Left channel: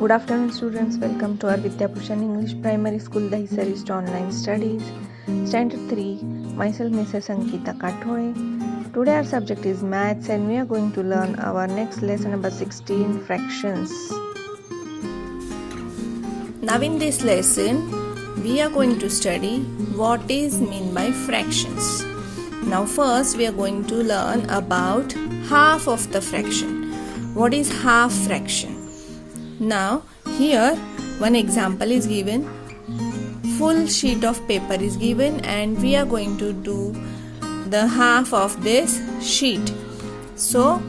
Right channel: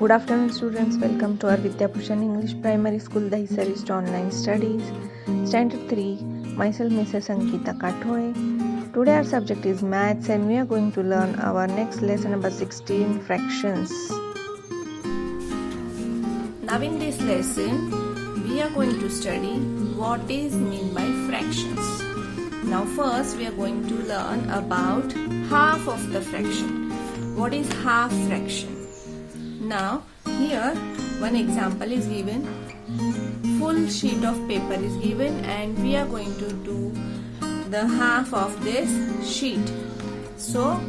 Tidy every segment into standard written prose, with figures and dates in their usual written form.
Good afternoon, students. Welcome to our Vidyabhushan English Primary School Dahisarist Online Studies, Standard 3. Myself, Mrs. Ankita Kathore. Today, our subject is Maths, and we are going to learn our next lesson number 16, Fractions. Now, in this lesson, we are going to study what is meant by fractions. Now, first, we are going to learn about half of the fraction. What is half fraction? Now, here one example is given. Full sheet of paper is given, and we are going to do the half of this sheet. So,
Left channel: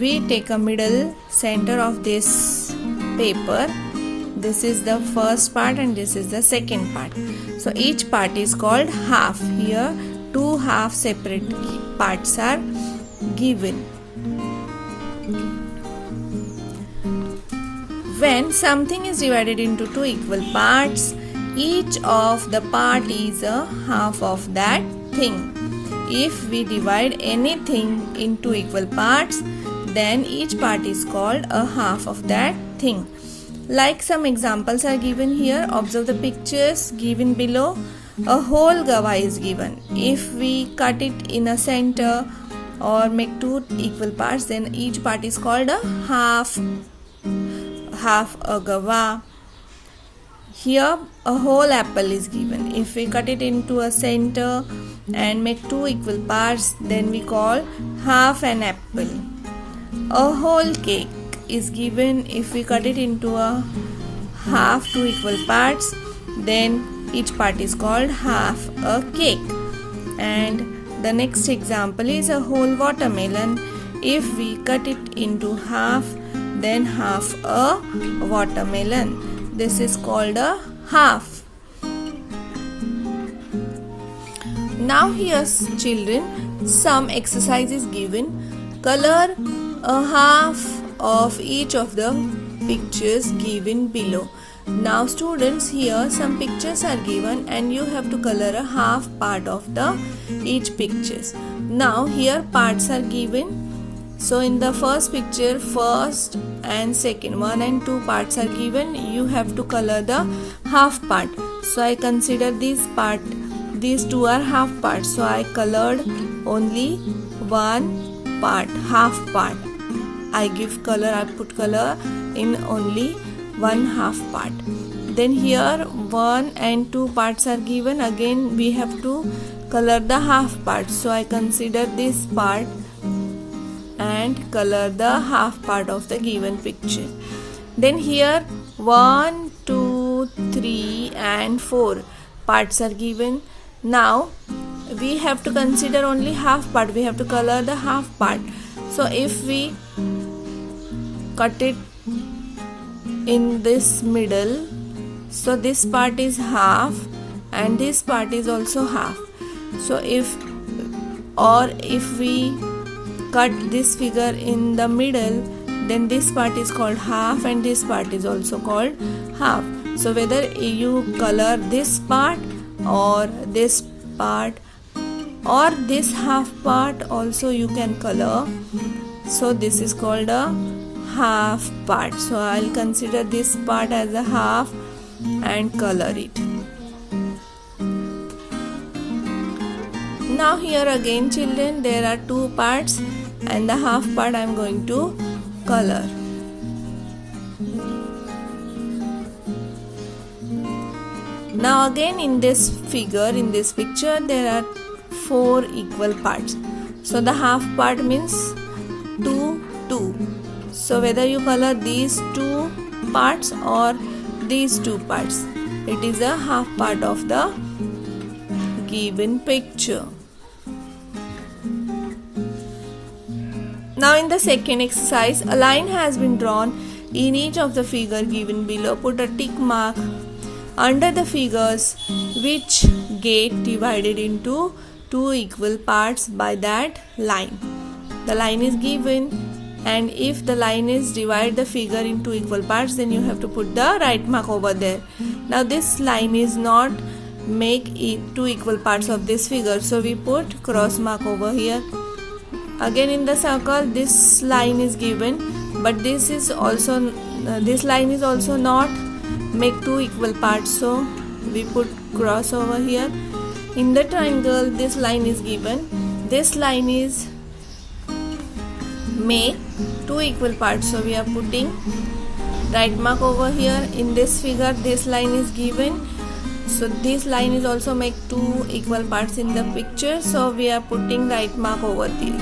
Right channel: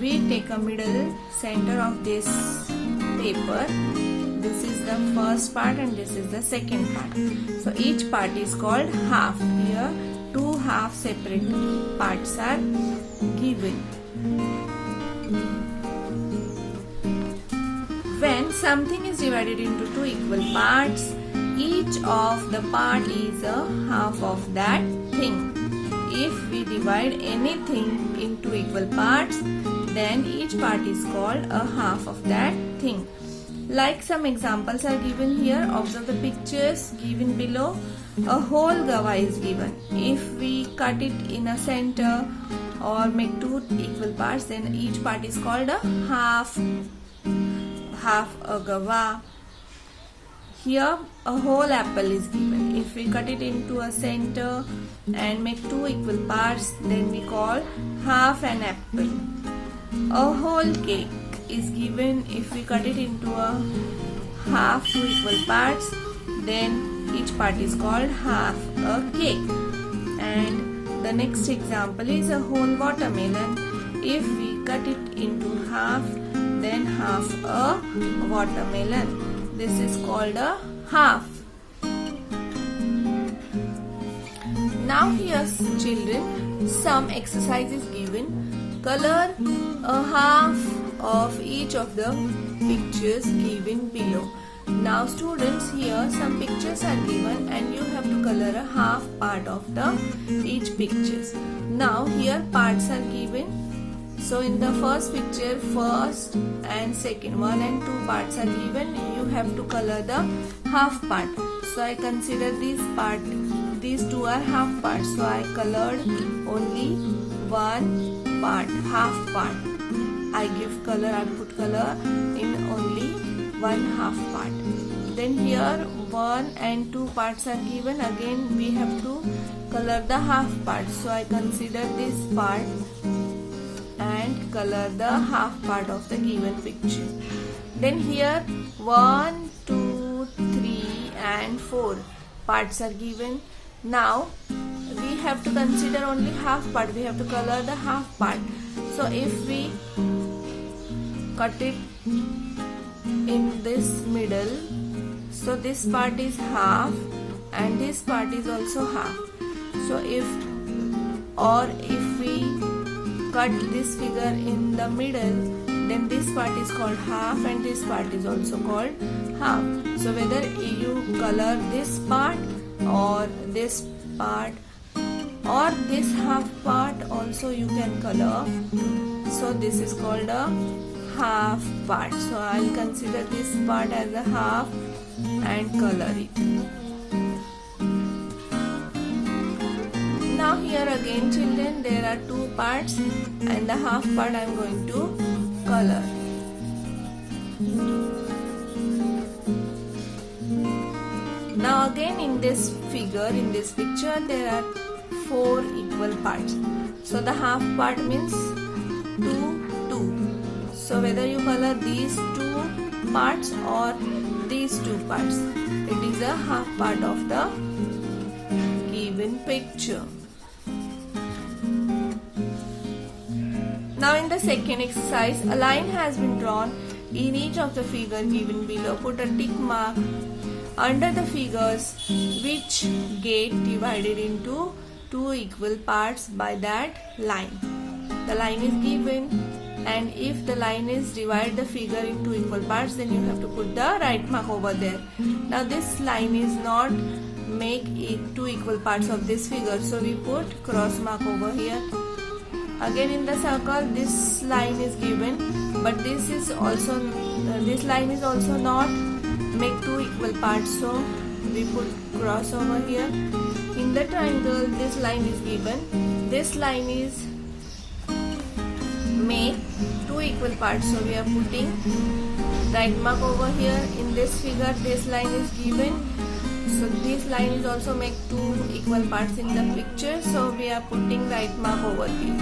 we take a middle center of this paper. This is the first part and this is the second part. So, each part is called half. Here, two half separate parts are given. When something is divided into two equal parts, each of the part is a half of that thing. If we divide anything into equal parts, then each part is called a half of that thing. Like some examples are given here. Observe the pictures given below. A whole gava is given. If we cut it in a center or make two equal parts, then each part is called a half a gava. Here a whole apple is given. If we cut it into a center and make two equal parts, then we call half an apple. A whole cake is given. If we cut it into a half two equal parts, then each part is called half a cake. And the next example is a whole watermelon. If we cut it into half, then half a watermelon. This is called a half. Now here's children, some exercise is given. Color a half of each of the pictures given below. Now students, here some pictures are given and you have to color a half part of the each pictures. Now here parts are given. So in the first picture, first and second, 1 and 2 parts are given. You have to color the half part. So I consider this part, these two are half parts. So I colored only one part, half part. I give color, I put color in only one half part. Then here 1 and 2 parts are given. Again we have to color the half part. So I consider this part and color the half part of the given picture. Then here 1, 2, 3 and 4 parts are given. Now we have to consider only half part. We have to color the half part. So if we cut it in this middle, so this part is half and this part is also half. So if we cut this figure in the middle, then this part is called half and this part is also called half. So whether you color this part or this part or this half part also you can color. So this is called a half part. So I'll consider this part as a half and color it. Now here again children, there are two parts and the half part I am going to color. Now again in this figure, in this picture, there are 4 equal parts. So the half part means 2, 2. So whether you color these 2 parts or these 2 parts, it is a half part of the given picture. Now in the second exercise, a line has been drawn in each of the figure given below. Put a tick mark under the figures which get divided into 2 equal parts by that line. The line is given, and if the line is divide the figure into equal parts, then you have to put the right mark over there. Now this line is not make it 2 equal parts of this figure, so we put cross mark over here. Again in the circle this line is given, but this is also this line is also not make two equal parts, so we put cross over here. In the triangle, this line is given, this line is make two equal parts, so we are putting right mark over here. In this figure, this line is given, so this line is also make two equal parts in the picture, so we are putting right mark over here.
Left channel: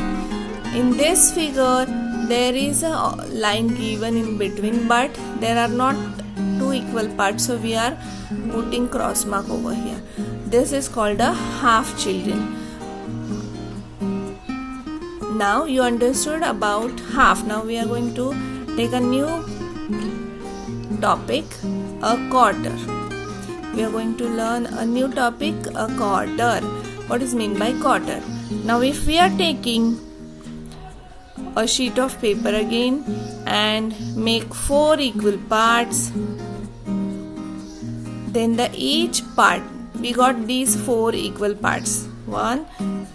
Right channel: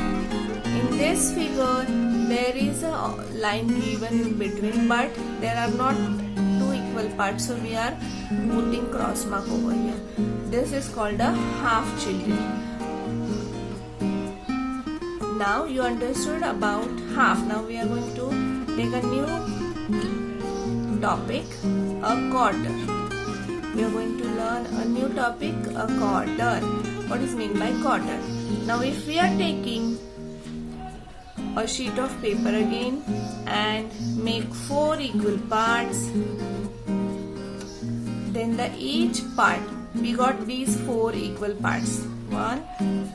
In this figure, there is a line given in between, but there are not two equal parts, so we are putting cross mark over here. This is called a half, children. Now you understood about half. Now we are going to take a new topic, a quarter. We are going to learn a new topic, a quarter. What is meant by quarter? Now if we are taking a sheet of paper again and make 4 equal parts, then the each part, we got these 4 equal parts, 1,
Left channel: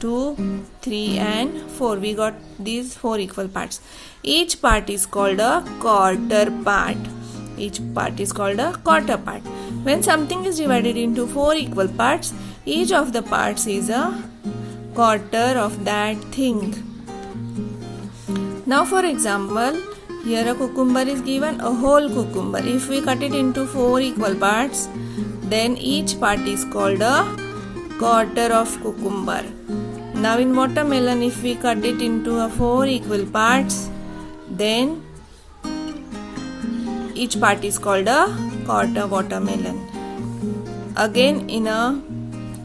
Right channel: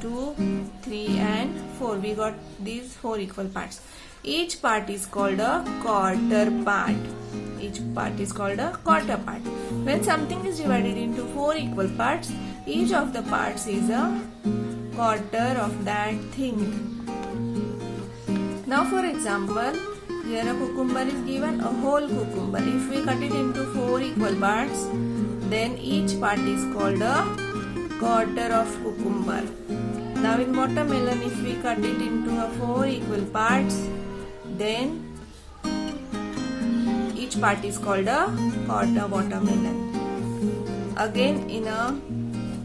2, 3 and 4. We got these 4 equal parts. Each part is called a quarter part. Each part is called a quarter part. When something is divided into 4 equal parts, each of the parts is a quarter of that thing. Now for example, here a cucumber is given, a whole cucumber. If we cut it into 4 equal parts, then each part is called a quarter of cucumber. Now in watermelon, if we cut it into 4 equal parts, then each part is called a quarter watermelon. Again in a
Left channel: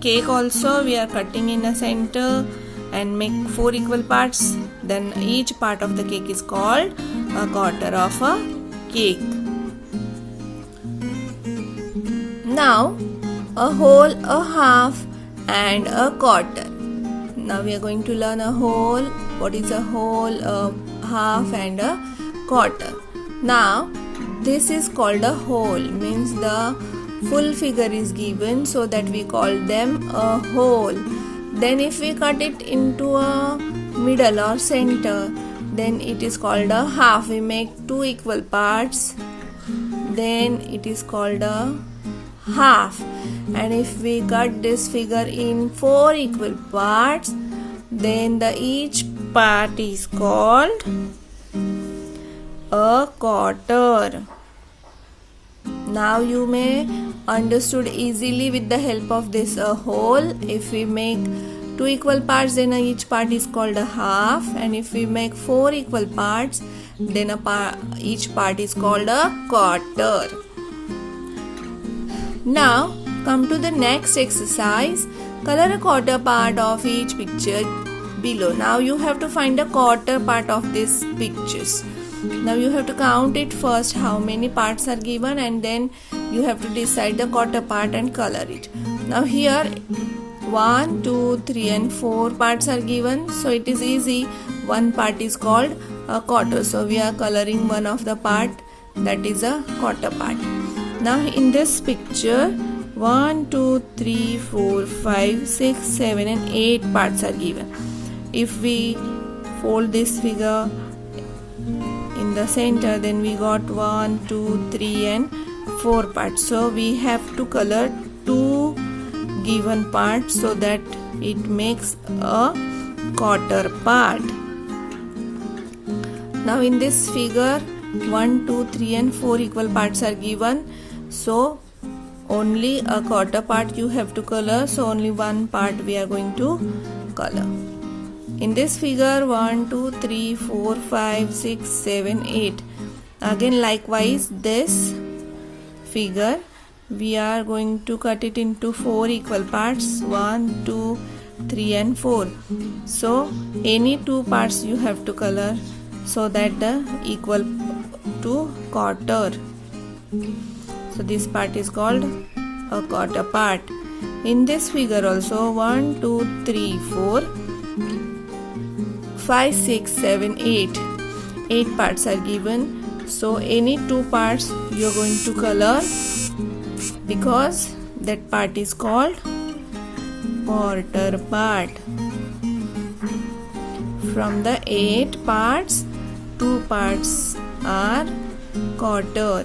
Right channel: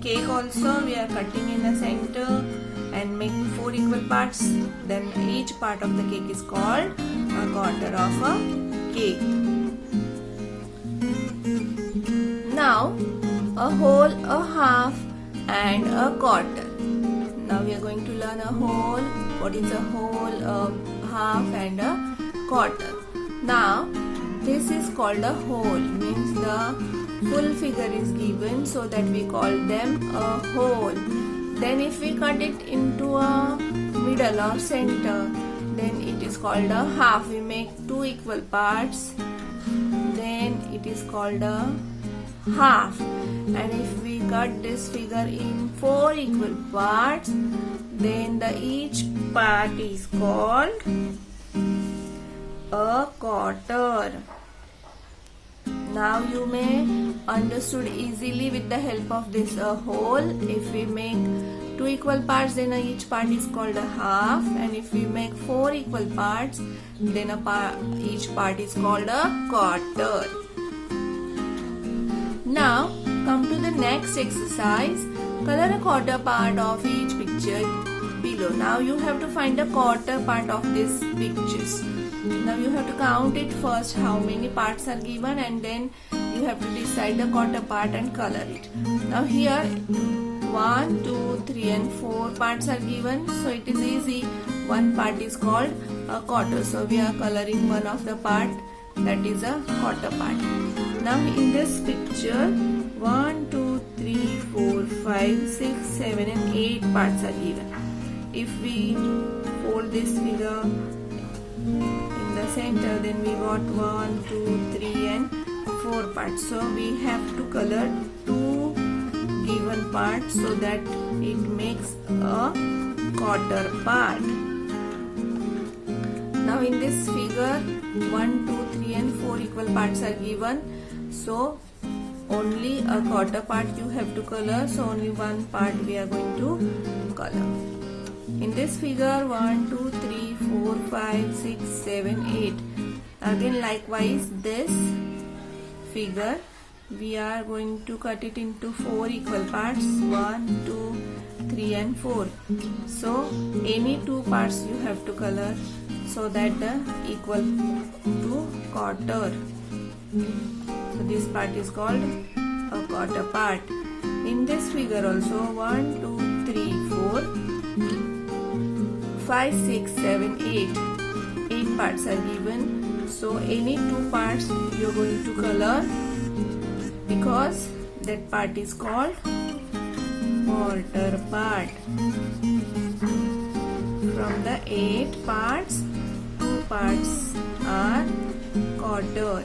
cake also, we are cutting in a center and make 4 equal parts, then each part of the cake is called a quarter of a cake. Now a whole, a half and a quarter. Now we are going to learn a whole. What is a whole, a half and a quarter? Now this is called a whole, means the full figure is given, so that we call them a whole. Then if we cut it into a middle or center, then it is called a half. We make 2 equal parts, then it is called a half. And if we cut this figure in 4 equal parts, then the each part is called a quarter. Now you may understood easily with the help of this a whole. If we make 2 equal parts, then each part is called a half, and if we make 4 equal parts, then each part is called a quarter. Now come to the next exercise. Color a quarter part of each picture below. Now you have to find a quarter part of these pictures. Now you have to count it first, how many parts are given, and then you have to decide the quarter part and color it. Now here 1, 2, 3 and 4 parts are given, so it is easy. One part is called a quarter, so we are coloring one of the part, that is a quarter part. Now in this picture 1, 2, 3, 4, 5, 6, 7 and 8 parts are given. If we fold this figure in the center, then we got 1, 2, 3 and 4 parts. So we have to color 2 given parts so that it makes a quarter part. Now in this figure 1, 2, 3 and 4 equal parts are given, so only a quarter part you have to color, so only one part we are going to color. In this figure 1, 2, 3, 4, 5, 6, 7, 8. Again likewise this figure we are going to cut it into 4 equal parts, 1, 2, 3 and 4. So any 2 parts you have to color so that the equal to quarter. So this part is called a quarter part. In this figure also 1, 2, 3, 4, 5, 6, 7, 8. 8 parts are given. So any 2 parts you are going to color because that part is called quarter part. From the 8 parts, 2 parts are quarter.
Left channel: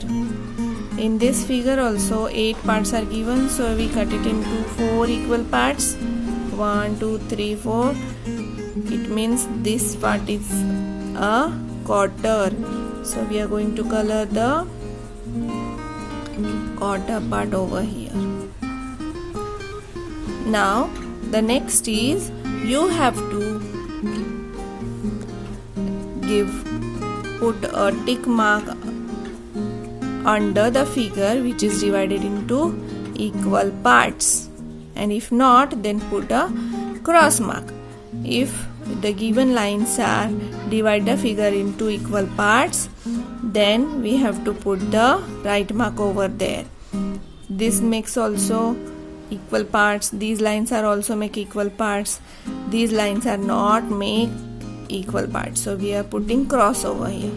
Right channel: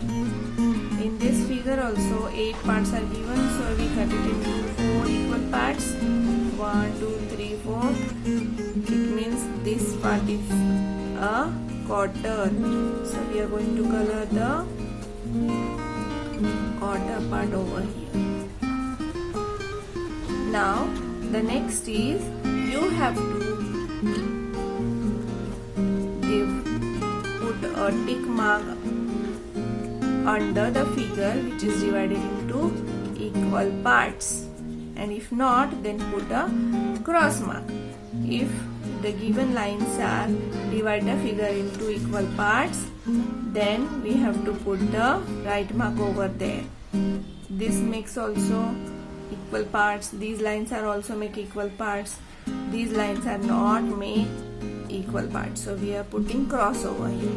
In this figure also 8 parts are given, so we cut it into 4 equal parts. 1, 2, 3, 4. It means this part is a quarter. So we are going to color the quarter part over here. Now the next is you have to put a tick mark under the figure which is divided into equal parts, and if not, then put a cross mark. If the given lines are divide the figure into equal parts, then we have to put the right mark over there. This makes also equal parts. These lines are also make equal parts. These lines are not make equal parts, so we are putting cross over here.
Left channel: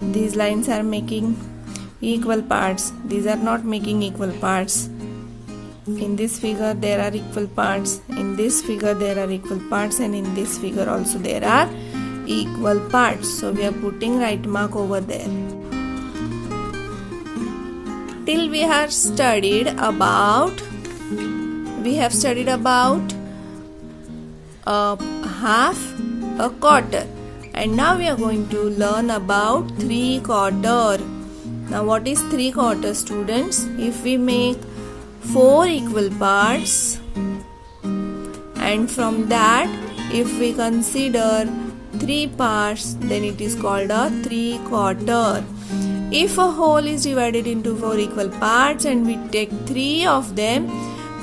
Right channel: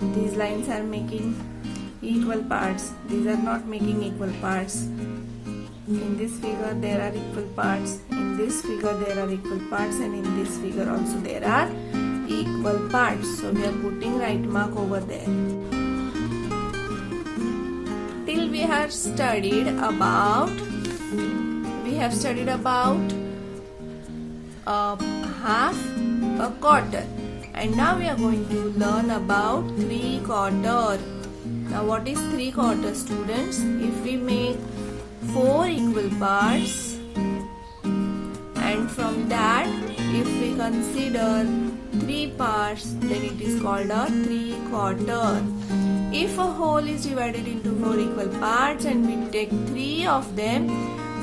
These lines are making equal parts. These are not making equal parts. In this figure there are equal parts, in this figure there are equal parts, and in this figure also there are equal parts, so we are putting right mark over there. Till we have studied about a half, a quarter, and now we are going to learn about 3/4. Now what is 3/4, students? If we make 4 equal parts, and from that if we consider 3 parts, then it is called a 3/4. If a whole is divided into 4 equal parts and we take 3 of them,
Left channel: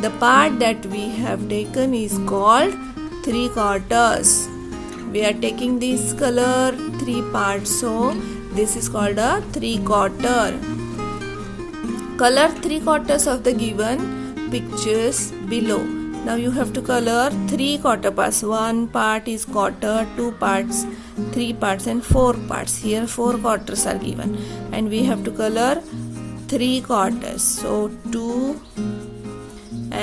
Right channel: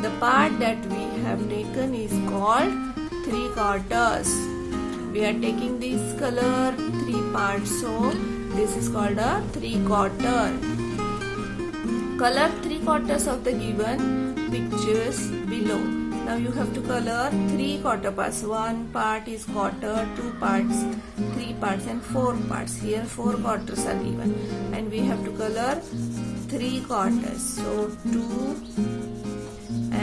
the part that we have taken is called 3/4. We are taking this color 3 parts, so this is called a 3/4. Color 3/4 of the given pictures below. Now you have to color 3/4 parts. 1 part is quarter, 2 parts, 3 parts, and 4 parts. Here 4 quarters are given, and we have to color 3/4. So 2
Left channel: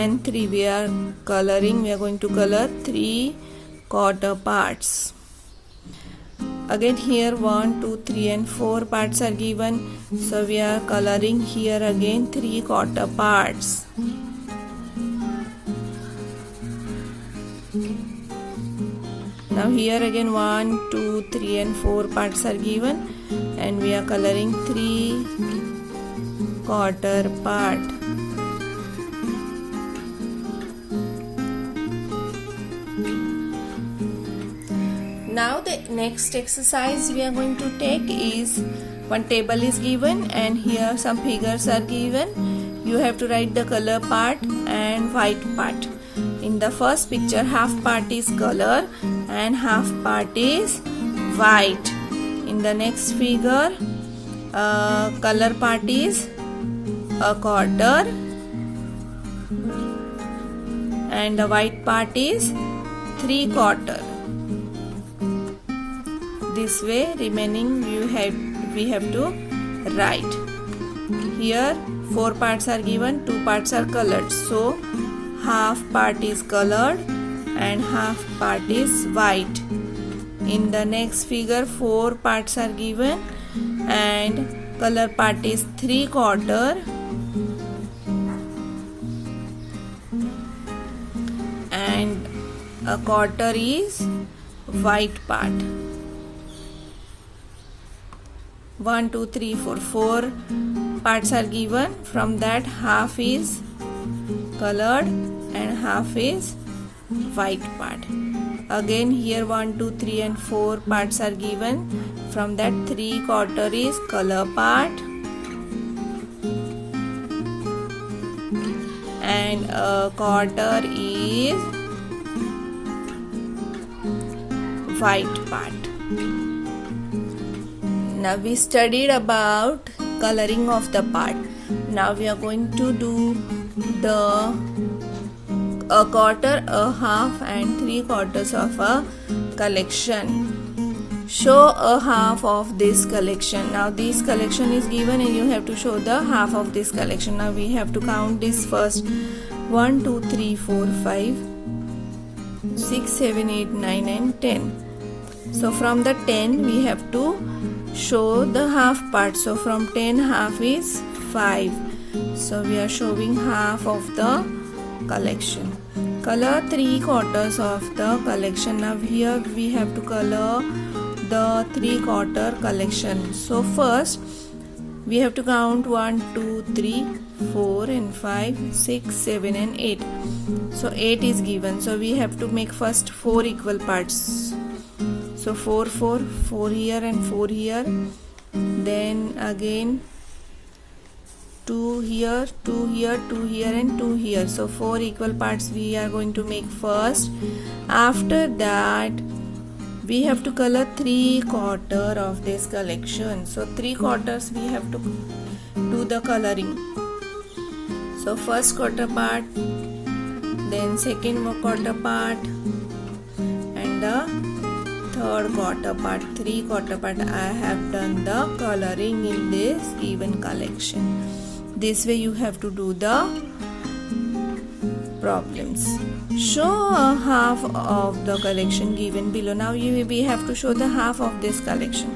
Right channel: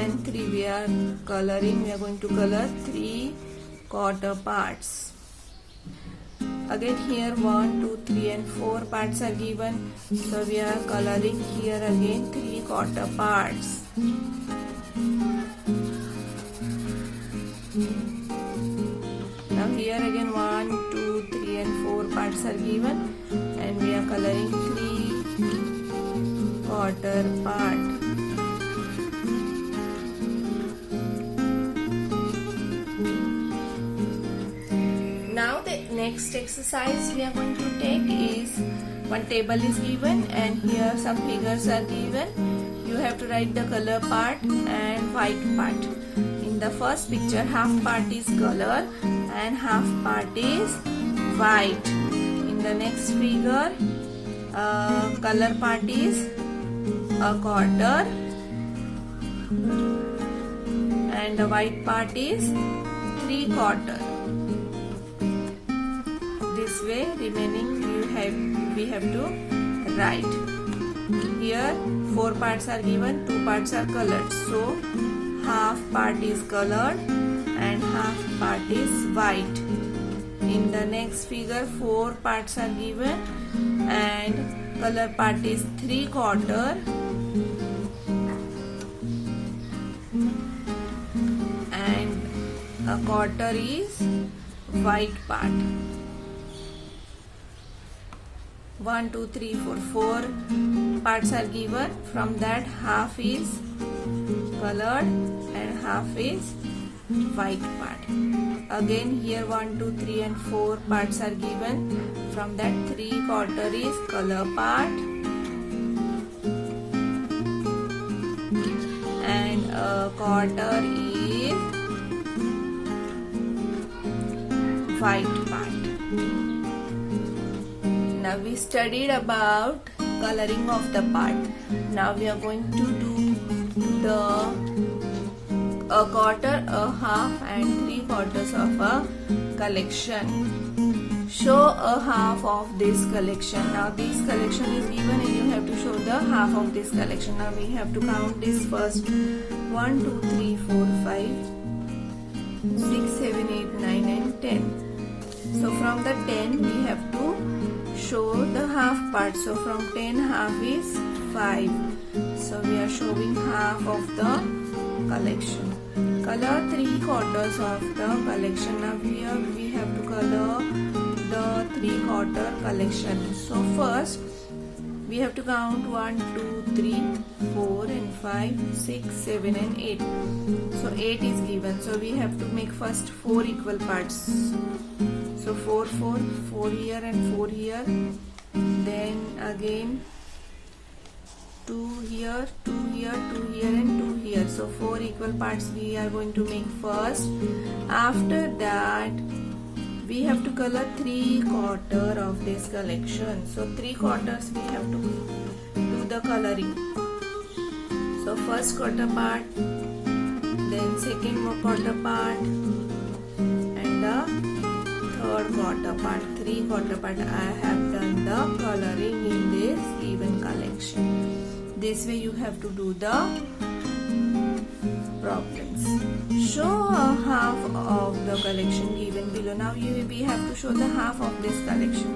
and 3 we are coloring. We are going to color 3/4 parts. Again here 1, 2, 3 and 4 parts are given, so we are coloring here again 3/4 parts. Now here again 1, 2, 3 and 4 parts are given, and we are coloring 3/4 part. Now the next exercise we are going to take is, one table is given and here some figures are given. You have to write the color part and white part. In the first picture, half part is color and half part is white. In the next figure, color part is a quarter and the white part is 3/4. This way remaining we have to write. Here 4 parts are given, 2 parts are colored, so half part is colored and half part is white. In the next figure 4 parts are given and color part is 3/4 and a quarter is white part. 1, 2, 3, 4, 4 parts are given. From that half is colored and half is white part. Again here 1, 2, 3 and 4 parts are given. From that 3/4 is color part and a quarter is white part. Now we studied about coloring of the part. Now we are going to do a quarter, a half and 3/4 of a collection. Show a half of this collection. Now this collection is given and you have to show the half of this collection. Now we have to count this first. 1, 2, 3, 4, 5, 6, 7, 8, 9 and 10. So from the 10 we have to show the half part. So from 10 half is 5. So we are showing half of the collection. Color 3/4 of the collection. Now here we have to color the 3/4 collection. So first we have to count 1, 2, 3, 4 and 5, 6, 7 and 8. So 8 is given. So we have to make first 4 equal parts. So 4, 4, 4 here and 4 here. Then again 2 here, 2 here, 2 here and 2 here. So 4 equal parts we are going to make first. After that we have to color 3/4 of this collection. So 3/4 we have to do the coloring. So first quarter part, then second quarter part and the third quarter part. 3/4 part I have done the coloring in this given collection. This way you have to do the problems. Show a half of the collection given below. Now we have to show the half of this collection.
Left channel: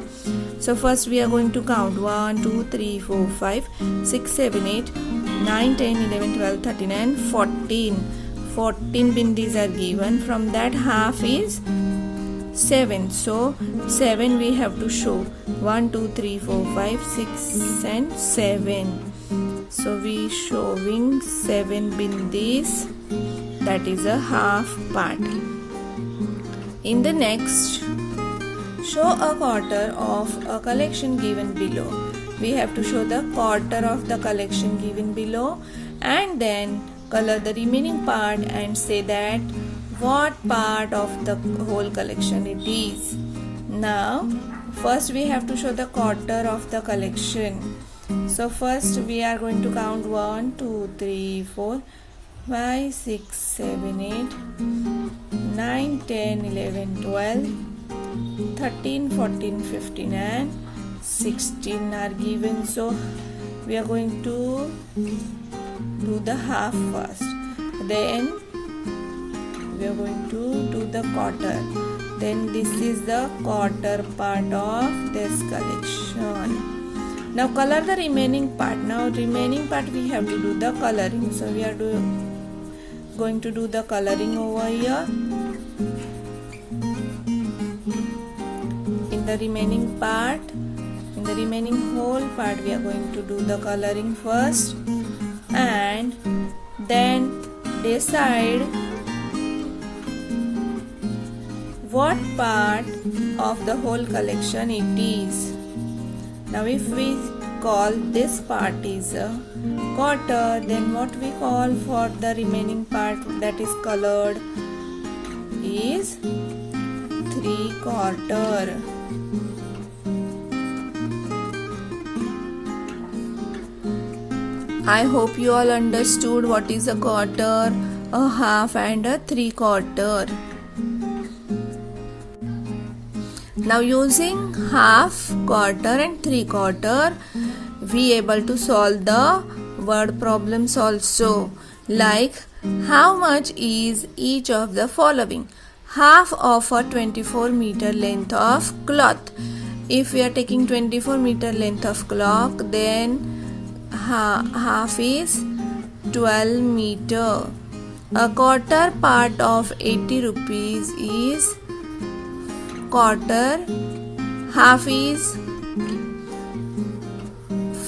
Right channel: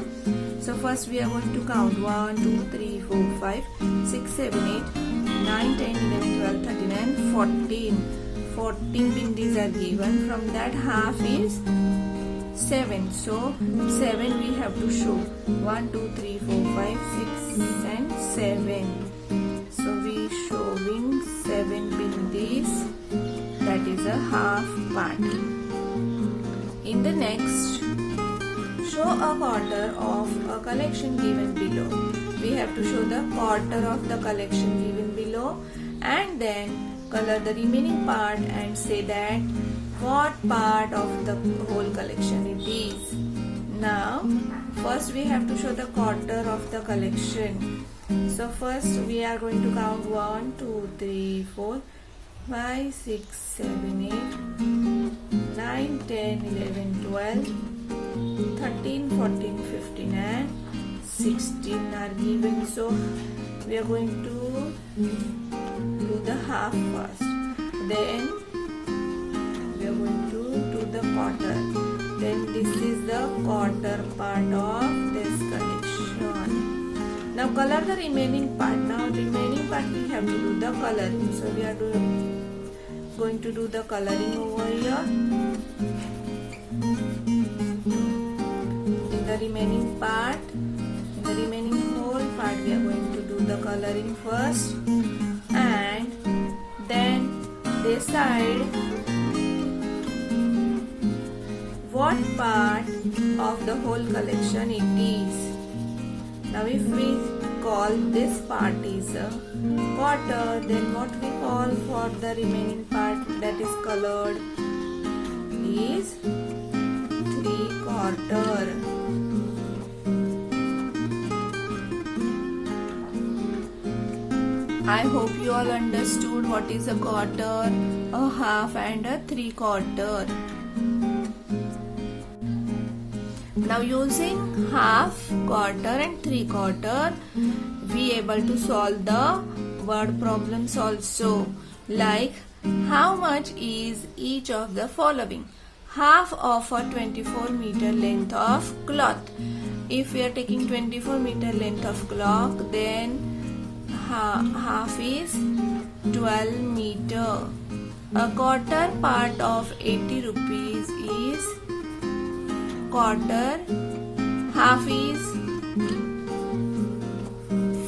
So first we are going to count 1, 2, 3, 4, 5, 6, 7, 8, 9, 10, 11, 12, 13 and 14. 14 bindis are given. From that half is 7. So 7 we have to show. 1, 2, 3, 4, 5, 6 and 7. So we showing 7 bindis. That is a half part. In the next, show a quarter of a collection given below. We have to show the quarter of the collection given below and then color the remaining part and say that what part of the whole collection it is. Now, first we have to show the quarter of the collection. So first we are going to count 1, 2, 3, 4, 5, 6, 7, 8, 9, 10, 11, 12, 13, 14, 15 and 16 are given. So we are going to do the half first. Then we are going to do the quarter. Then this is the quarter part of this collection. Now color the remaining part. Now remaining part we have to do the coloring. So we are going to do the coloring over here. In the remaining part, in the remaining whole part we are going to do the coloring first and then decide what part of the whole collection it is. Now if we call this part is a quarter, then what we call for the remaining part that is colored is 3/4. I hope you all understood what is a quarter, a half and a 3/4. Now using half, quarter and 3/4 we able to solve the word problems also, like how much is each of the following. Half of a 24 meter length of cloth. If we are taking 24 meter length of cloth, then half is 12 meter. A quarter part of 80 rupees is quarter. Half is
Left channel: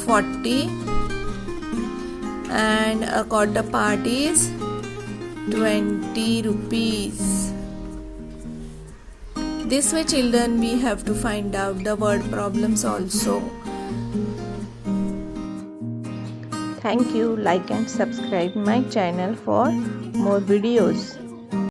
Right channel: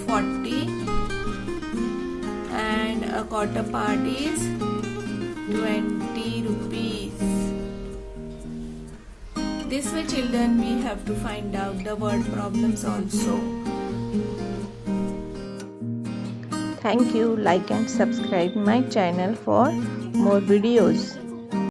40 and a quarter part is 20 rupees. This way children we have to find out the word problems also. Thank you. Like and subscribe my channel for more videos.